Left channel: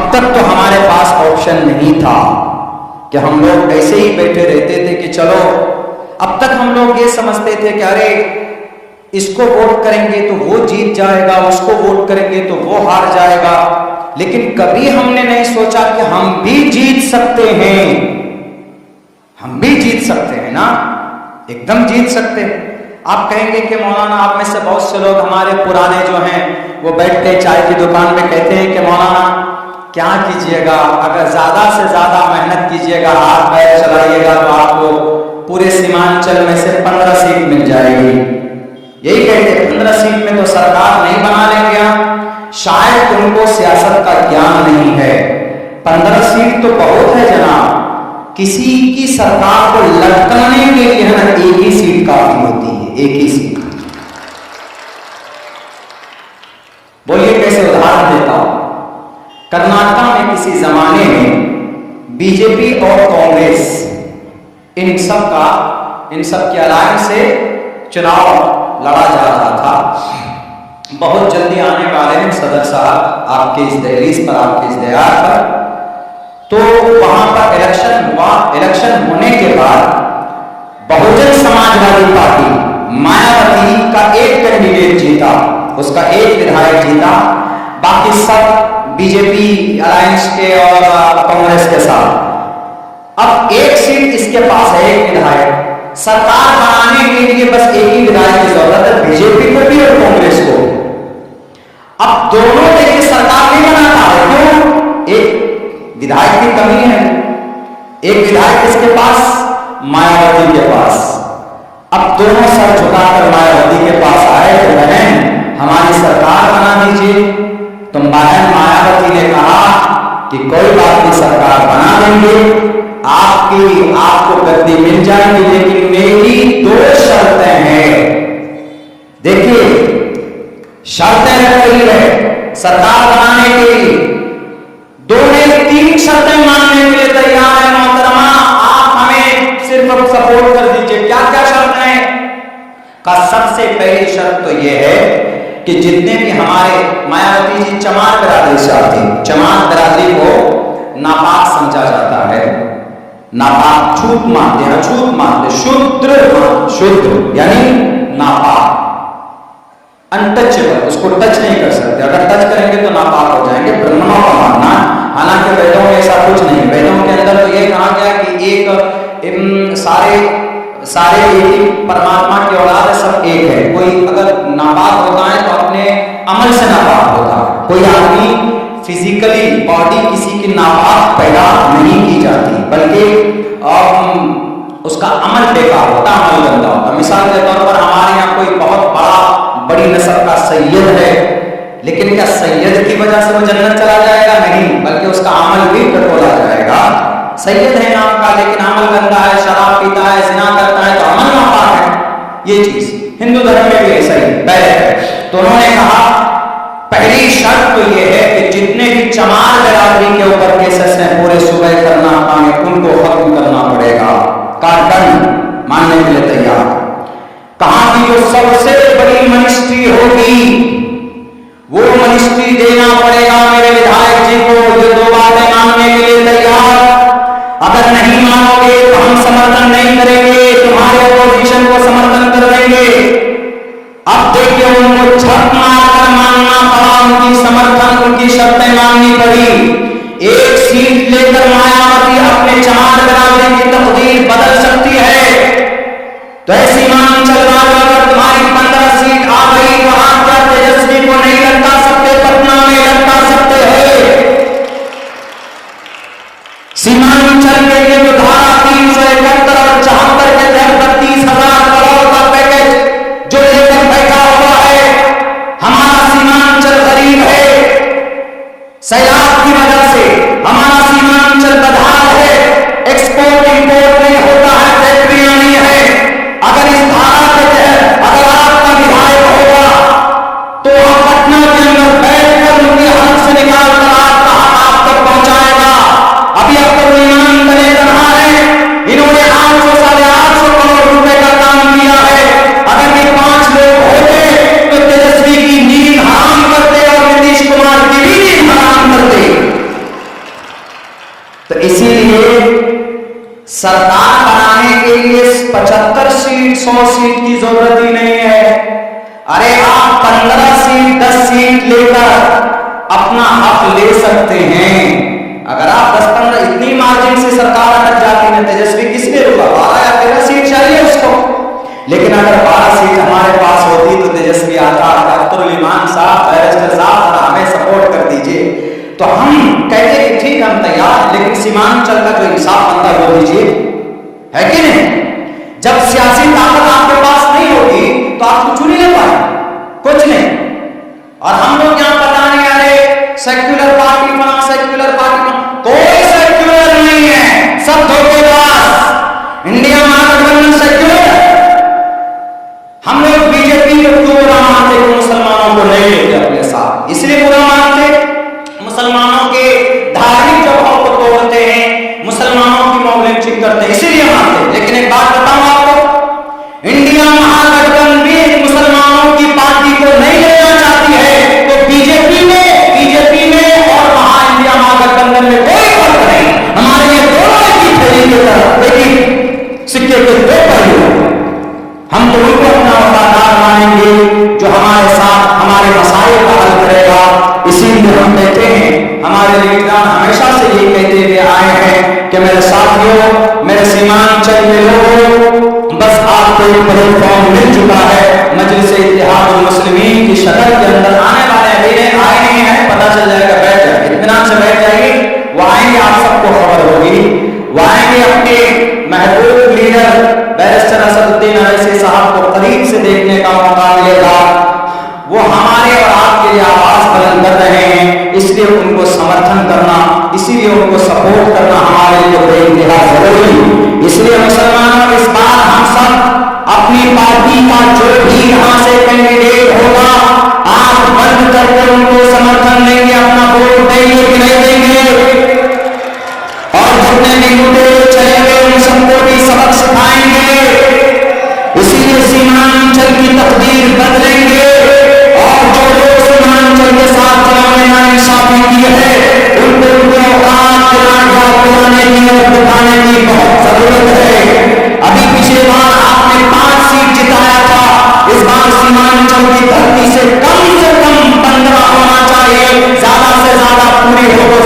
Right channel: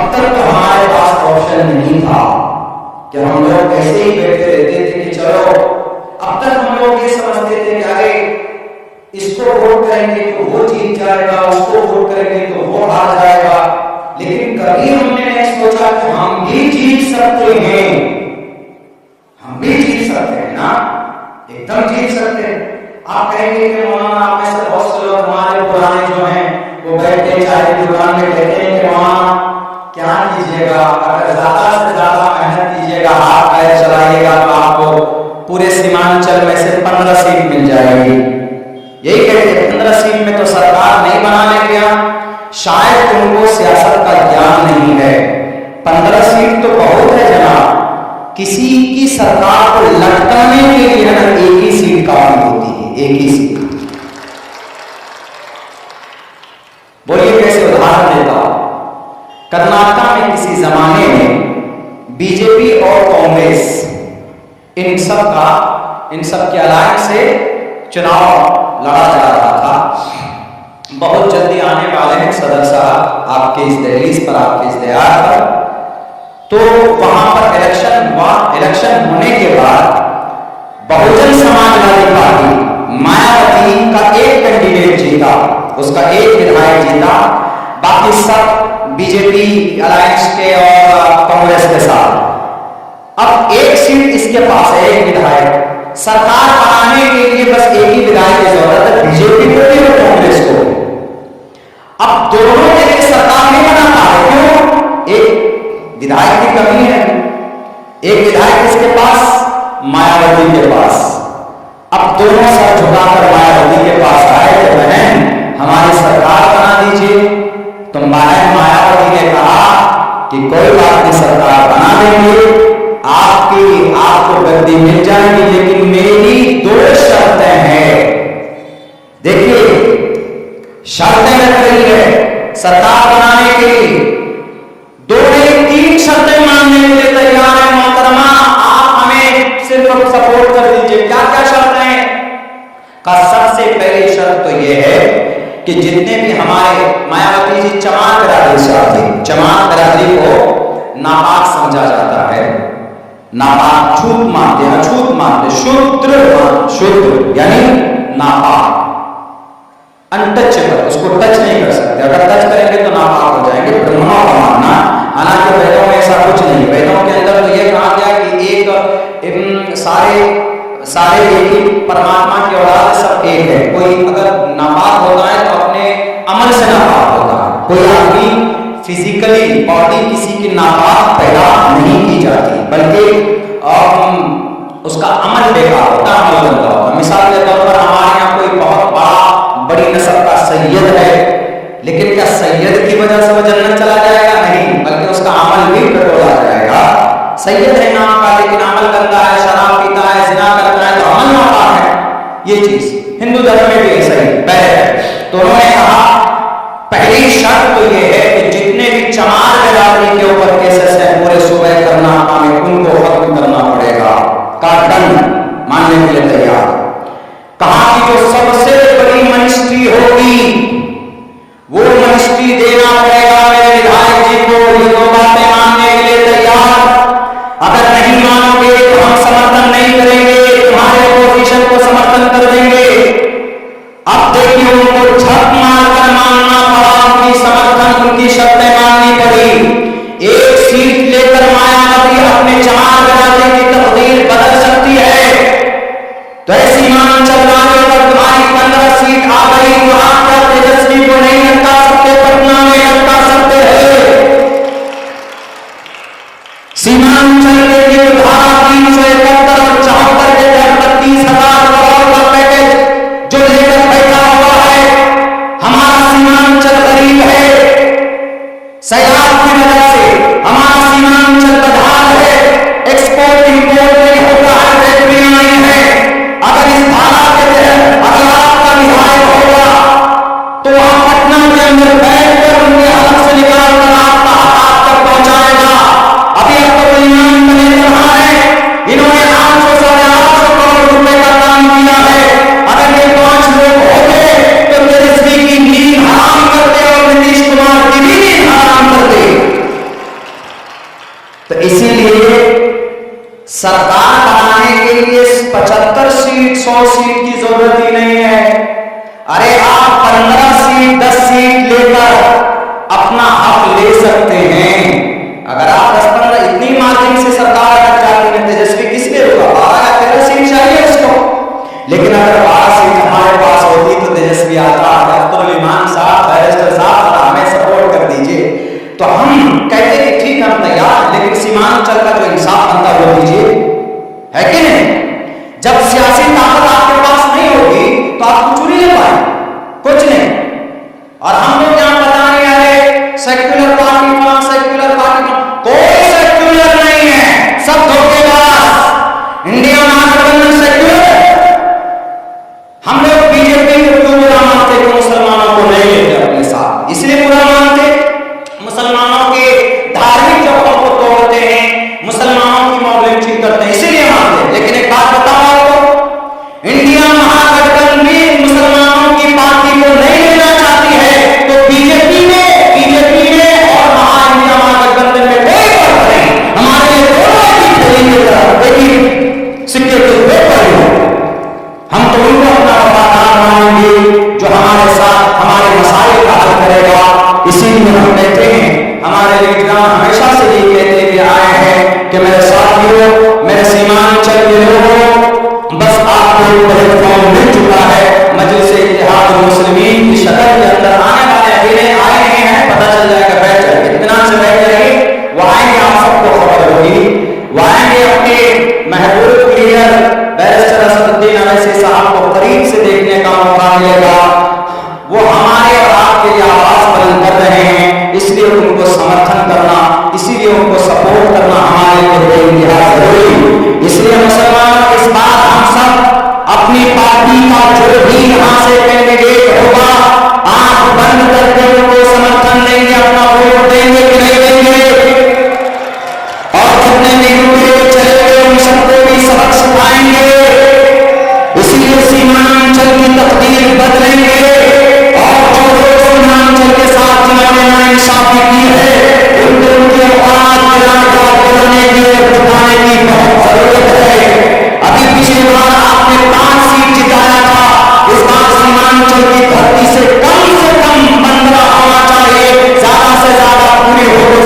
अब तक तो हमारे पास ऑप्शन नहीं था कि हम लोग ऐसे ही बैठे रहते थे कि चलो, अब तक हम लोग ये समझते थे कि अरे इसको वोट करेंगे तो वो जीत जाएगा, उसको वोट करेंगे तो वो हार जाएगा। लेकिन कभी हमने नहीं सोचा कि हम भी जीत सकते हैं, हम भी जीत सकते हैं ना, एकदम जीत सकते हैं। आप कहेंगे कि मौलाना आप में से बहुत से लोग हमारे पुराने जो हैं वो बैठते चाय की दुकान में कहते हैं कि मौलाना क्या कीजिएगा, अगर ज्यादा से ज्यादा मेहनत कीजिएगा, हाथ पैर चलाइएगा तो आपको पूरे सीमांचल में से 15 सीट मिल जाएगी। यही कहते हैं 15 सीट में तो सरकार नहीं बना लेंगे आप, शायद उनको सियासत का ज्ञान नहीं है। 15 सीट तो बहुत है जनाब, किसी की सरकार को लटकाने के लिए है ना एक ही सीट काफी होती है, एक ही सीट। बोलिए कैसे उदाहरण देता हूं। कर्नाटका में किसी जमाने में बीजेपी और कांग्रेस इन सब के अलायंस से चुनाव लड़ा जा रहा था। बहुत जल्दी आने वाले हैं सदर साहब आपके इस दहलीज पर, आपके इस दयार पर। तो वहां पर इलेक्शन हुआ। इलेक्शन होने के बाद बहुजन समाजवादी पार्टी मायावती का एक कैंडिडेट जीता, उसका एक विधायक जीता, बाकी सब बीजेपी अलायंस के और कांग्रेस के साथ। अब एक सीट इसके पास है, एक विधायक। सरकार बनाने के लिए बस एक ही विधायक की जरूरत है, बीजेपी को भी और कांग्रेस को भी। अब दोनों देखिए सरकार नहीं बना पा रहे, क्यों? एक विधायक की कमी है। एक विधायक किसके पास? मायावती के पास। अब दोनों सर झुकाकर मायावती के पास आए कि बहन हमारी सरकार बना दीजिए। तुम बहन मायावती ने कहा कि कोई बात नहीं, सरकार बना देंगे, आपको गद्दी मिल जाएगी, लेकिन मेरी 2 शर्तें हैं। देखिए शर्तें रख रही है सरकार बनाने के लिए, 2 नहीं 3 शर्तें मानने के लिए तैयार है। मोहतरमा आप हमें सिर्फ सपोर्ट कर दीजिए। क्या क्या शर्तें हैं? का सबसे पहली शर्त तो यह है कि जितने भी हमारे मायावती जी चमार बिरादरी से आती, चमार बिरादरी को नापाक समझा जाता है, नापाक छूत मानते हैं, अछूत मानते, शुद्र यानी नापाक, अनटचेबल, उसको टच नहीं कर सकते, अगर टच करेंगे तो नापाक हो जाएंगे, ब्राह्मणों का मानना। हालांकि वेदों में ऐसा कुछ नहीं, वेदों के अंदर तो यह कहा गया कि एक सारे एक ही परमात्मा की औलाद है, सब एक है। कोई अगर नापाक होता है तो अपने अमल से नापाक होता है। कोई आदमी फिजिकली बॉडी किसी की नापाक पैदा नहीं की जाती, बल्कि उसका अमल बेकार होता, अमल गंदा होता। मिसाल के तौर पर हमारे यहाँ कोई बहुत बड़ी नस्ल का सैयद है, लेकिन क्या सैयद की वजह से वो जन्नत चला जाएगा? नहीं, बल्कि उसका अमल भी टटोला जाएगा। सैयद है नाम का, लेकिन अमल गंदा है, शराब पीता है, जिना करता है, तो अमल नापाक है। ये चीज हिंदू धर्म में भी ऐसा ही पहले है। तो उन्होंने कहा पहली शर्त तो यह है कि जितने भी चमार बिरादरी के ऊपर केसेस हैं पूरे सूबे कर्नाटका में, उनको खत्म करना पड़ेगा। का दंड मानने के लिए तैयार। कहा कि जो सबसे बड़ी मिनिस्ट्री होगी वो मिनिस्ट्री देना पड़ेगा मेरे विधायक जी को। ये 2 बातें मानने के लिए तैयार। अगर नहीं मानोगे तो हम समर्थन नहीं करेंगे, तुम्हारे अपोजिशन को समर्थन कर देंगे। अब देखिए उनको झक मारकर मानना पड़ा, उनकी समर्थन, उनकी शर्तें माननी पड़ी। एक सीट लेकर मायावती अपने चमार बिरादरी की तकदीर बदल सकती है। तो ऐसी मान चल रहा है, अगर तुम्हारी 15 सीट आ गई तो आप क्या तेजस्वी को नहीं लटका सकते? पटना में लटका सकते हैं। सीमांचल के लिए जो धारा 371 और 74 के तहत 32,000 करोड़ का पैकेज जो लेकर बैठा हुआ है, हमारा सीमांचल गरीब है, सैलाब की वजह से हमारा सीमांचल बदहाल है, एक्सपोर्ट इंपोर्ट नहीं होता है, फैक्ट्रियां नहीं है। अगर इस धारा के तहत अगर आपका विधायक होगा तो वहां पटना के अंदर बैठकर उनके हलक से निकालकर आपका हक आप तक पहुंचाएगा। अभी अब तो ईमान तले तनहा है, इन्होंने 800 साढ़े 800 करोड़ रुपए का काम किया है। अगर ये 5 लोग होते तो तेजस्वी की नींद हराम करते और नीतीश कुमार की भी नींद हराम करते। इसीलिए सरकार बनाने के लिए 75 सीट 100 सीट की जरूरत ही नहीं है। अरे आप 15 सीट 10 सीट लेकर अपना हक ले सकते हैं। अगर आप 10-15 इतनी मार्जिन से सरकार अटक जाती है, तेजस्वी किसने रोका? 12 या 13 सीट चाहिए उसको। लेकिन अगर 12 सीट हमारे पास होती तो तेजस्वी आता कि अख्तरुल इमान साहब, बैरिस्टर साहब, जरा हमें सपोर्ट कर दीजिए, तो हम कहते कि ठीक हम तैयार, लेकिन सीमांचल का जो इंसाफ बनता वो दीजिए, है कि नहीं? जब सियासी ताकत आपके पास नहीं होगी तो आप कुछ नहीं ले पाए, कुछ नहीं। और हम लोग यहां पता नहीं, अरे सेक्युलर पार्टी फला, सेक्युलर पार्टी फला, कोई सेक्युलर नहीं है, सब धोखेबाज। इंडिया महागठबंधन सेक्युलर है। हम लोग बीजेपी को क्यों बुरा मानते कि मुसलमानों को नहीं लेते अपने साथ? इसलिए बुरा मानते, मुसलमानों के धार्मिक जगहों को तोड़ते हैं, मुसलमानों की मॉब लिंचिंग करते हैं, इसीलिए मानते हैं। लेकिन एक बात बताऊं आपको, इंडिया महागठबंधन भी मुसलमानों की पार्टी को नहीं लेना चाहती है, तो बीजेपी में और इंडिया महागठबंधन में कोई फर्क नहीं। हमारे लिए दोनों एक ही थैली की तरफ, एक ही सिक्के के दो पहलू। हम तो उनको अपना वफादार मानेंगे जो हमारे साथ हमारे मसाइल का हल करेगा। इसीलिए हम कहते हैं, हमारे लीडरान हमेशा से यही कहते हुए आए हैं कि मेरे साथियों, मेरे सीमांचल के लोगों, बस आपको एक प्लेटफॉर्म मिल चुका है। मजलिस इत्तेहादुल मुस्लिमीन की शक्ल के अंदर आने वाले अभी नहीं आए नहीं है, पता चल जाएगा, बैठ जाए, इत्मीनान से बैठ जाइए। वो आएंगे, आप सबको खबर होगी। वो आएंगे, अपने महबूब लीडर बैरिस्टर असदुद्दीन अवैसी साहब को करीब से देखने का मौका मिलेगा। वो हमारे और आपके लिए आवाज बुलंद कर रहे हैं, इसलिए उनको समर्थन करना, इसीलिए उनको सपोर्ट करना हमारे लिए बेइंतहा जरूरी। इसलिए मुसलमानों, इस बार हम सब अपनी पार्टी का जो भी यहां से कैंडिडेट होगा, आंख बंद करके उनको समर्थन देंगे, अपना वोट देंगे कि नहीं देंगे? और जितने भी लुटेरे चले हुए उन सबको भी सबक सिखाएंगे। इसीलिए सीमांचल की तकदीर बदलेंगे, और जो लोग सीमांचल के साथ जिन्होंने नाइंसाफी की है, उनको उनके औकात दिलाने की और दिखाने की बहुत जरूरत है। अभी पिछली बार आपने 5 सीट जिताया था, इस बार सीमांचल की धरती से कम 15 होना चाहिए, ज्यादा से ज्यादा पूरी हो तो